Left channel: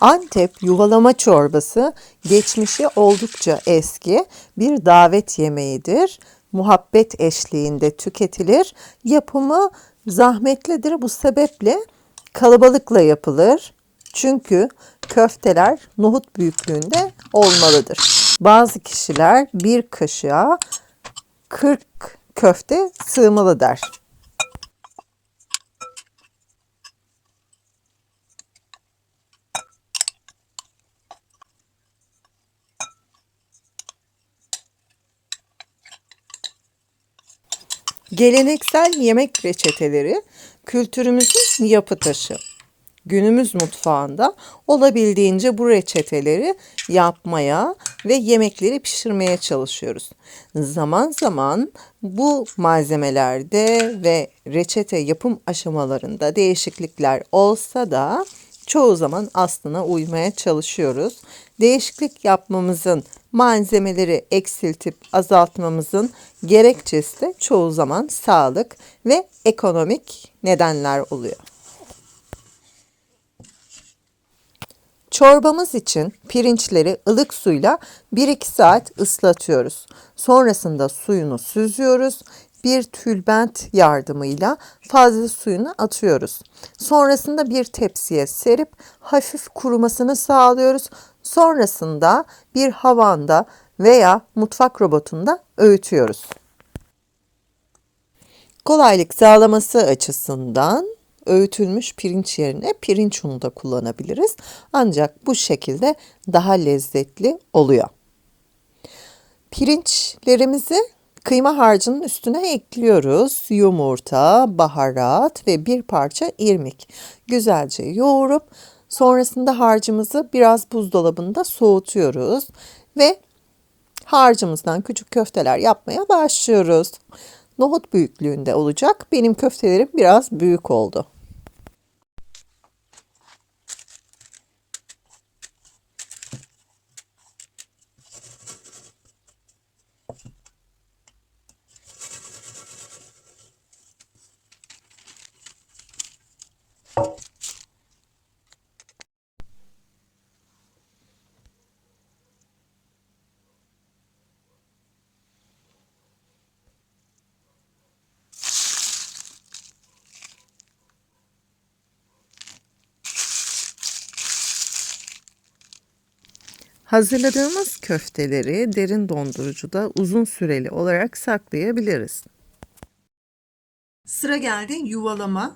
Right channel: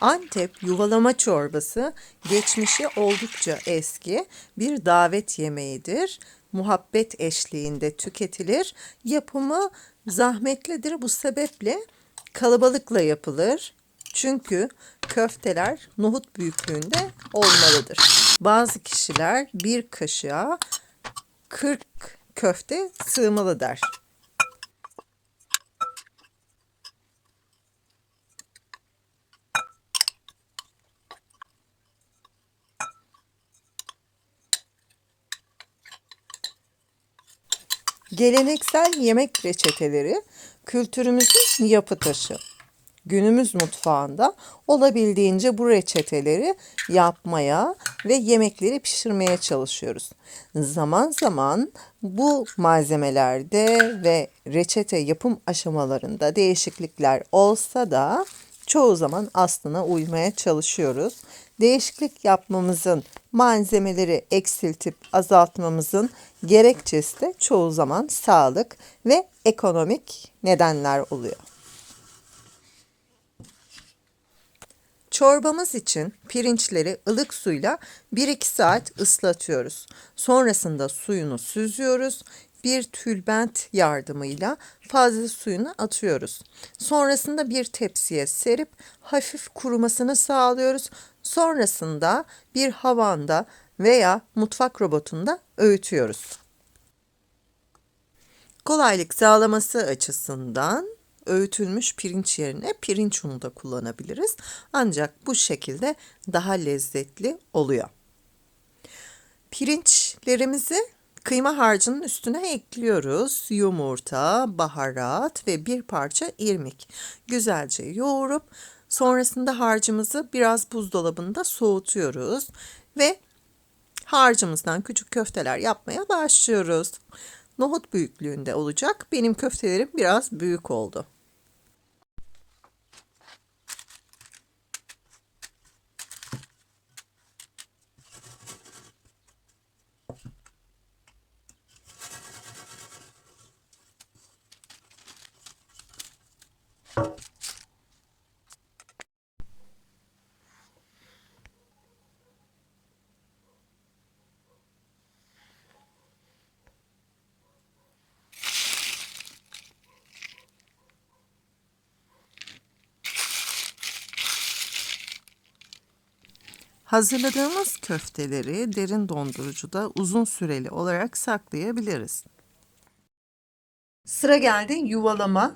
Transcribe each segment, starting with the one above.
Antep yuvalama çorbası geçmişi oldukça eski bir davet yemeğidir. Muhabbet eşliğinde tüketilir. Yapımı zahmetlidir. Bu sebeple kalabalıkla yapılır. Çünkü köfteler nohut büyüklüğünde olmalıdır. Bazı kişiler bir kaşığa 40 köfte sığmalı der. Geleneksel yemek reçeteleri kültürümüzün yapı taşı. Günümüz mutfağında olabildiğince bu reçeteleri yapmaya ve yemekleri pişirmeye çalışıyoruz. Zaman zaman bu malzemelerde ve reçete yapım aşamalarında değişiklikler olsa da çoğu zaman aslına uymaya çalışıyoruz. Değişiklik yapmamızın malzemeleri eksiltip azaltmamızın gerekçesi de çoğu zaman sağlık ve ekonomik nedenler oluyor. Çorbamız için pirinçleri ılık suyla 1-2 saat ıslatıyoruz. Sonrasında suyunu süzüyoruz. Bir tülbent yardımıyla fazla suyunu atıyoruz. Sonrasında bir tepsiye serip hafif kurumasını sağlıyoruz. Sonrasında bir havanda veya mutfak robotunda öğütüyoruz. Kolaylık sağlaması açısından öğütülmüş pirinç yerine pirinç unu da kullanabiliriz. Ancak bu şekilde daha lezzetli oluyor. Pirinçlerimizi kıyma harcının üstüne ekliyoruz. Yumurta, baharat ve bir parça irmik. Güzelce yoğurup sonrasında harcımızı biraz buzdolabında soğutuyoruz ve harcımızdan küçük köfteler yapmaya başlıyoruz. Nohut büyüklüğünde olacak. Benim köftelerim biraz büyük oldu. Hazırladığımız köfteleri derin dondurucuda uzun süreli olarak saklayabiliriz. Sıra geldi yuvalama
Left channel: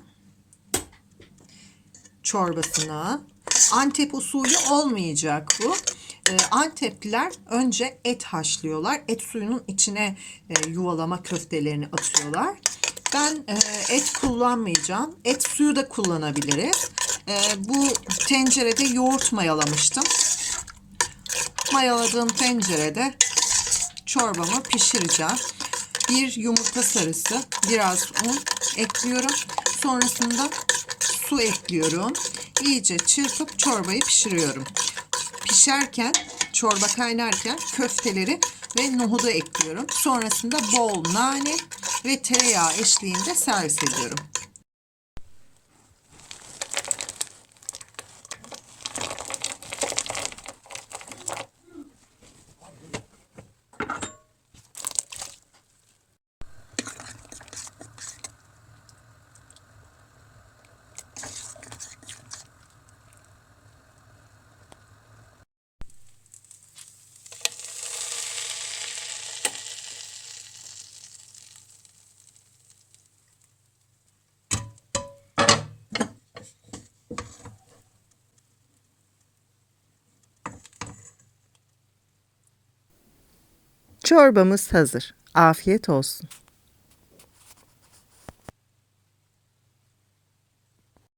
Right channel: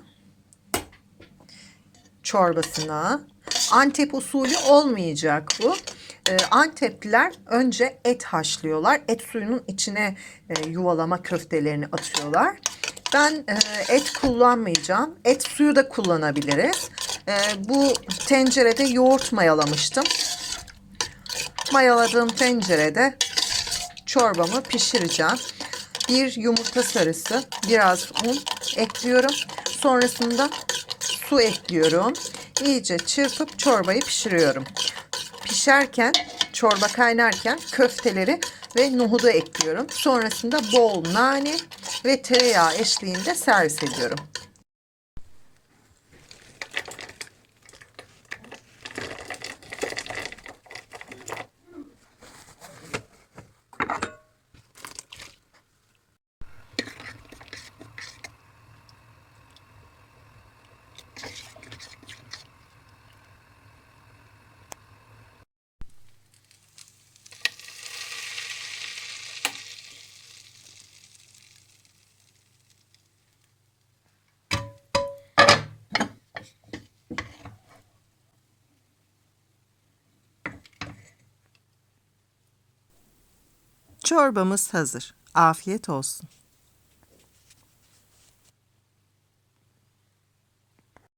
çorbasına. Antep usulü olmayacak bu. Ee, Antepliler önce et haşlıyorlar. Et suyunun içine e, yuvalama köftelerini atıyorlar. Ben e, et kullanmayacağım. Et suyu da kullanabiliriz. E, bu tencerede yoğurt mayalamıştım. Mayaladığım tencerede çorbamı pişireceğim. Bir yumurta sarısı, biraz un ekliyorum. Sonrasında su ekliyorum. İyice çırpıp çorbayı pişiriyorum. Pişerken, çorba kaynarken köfteleri ve nohudu ekliyorum. Sonrasında bol nane ve tereyağı eşliğinde servis ediyorum. Çorbamız hazır. Afiyet olsun.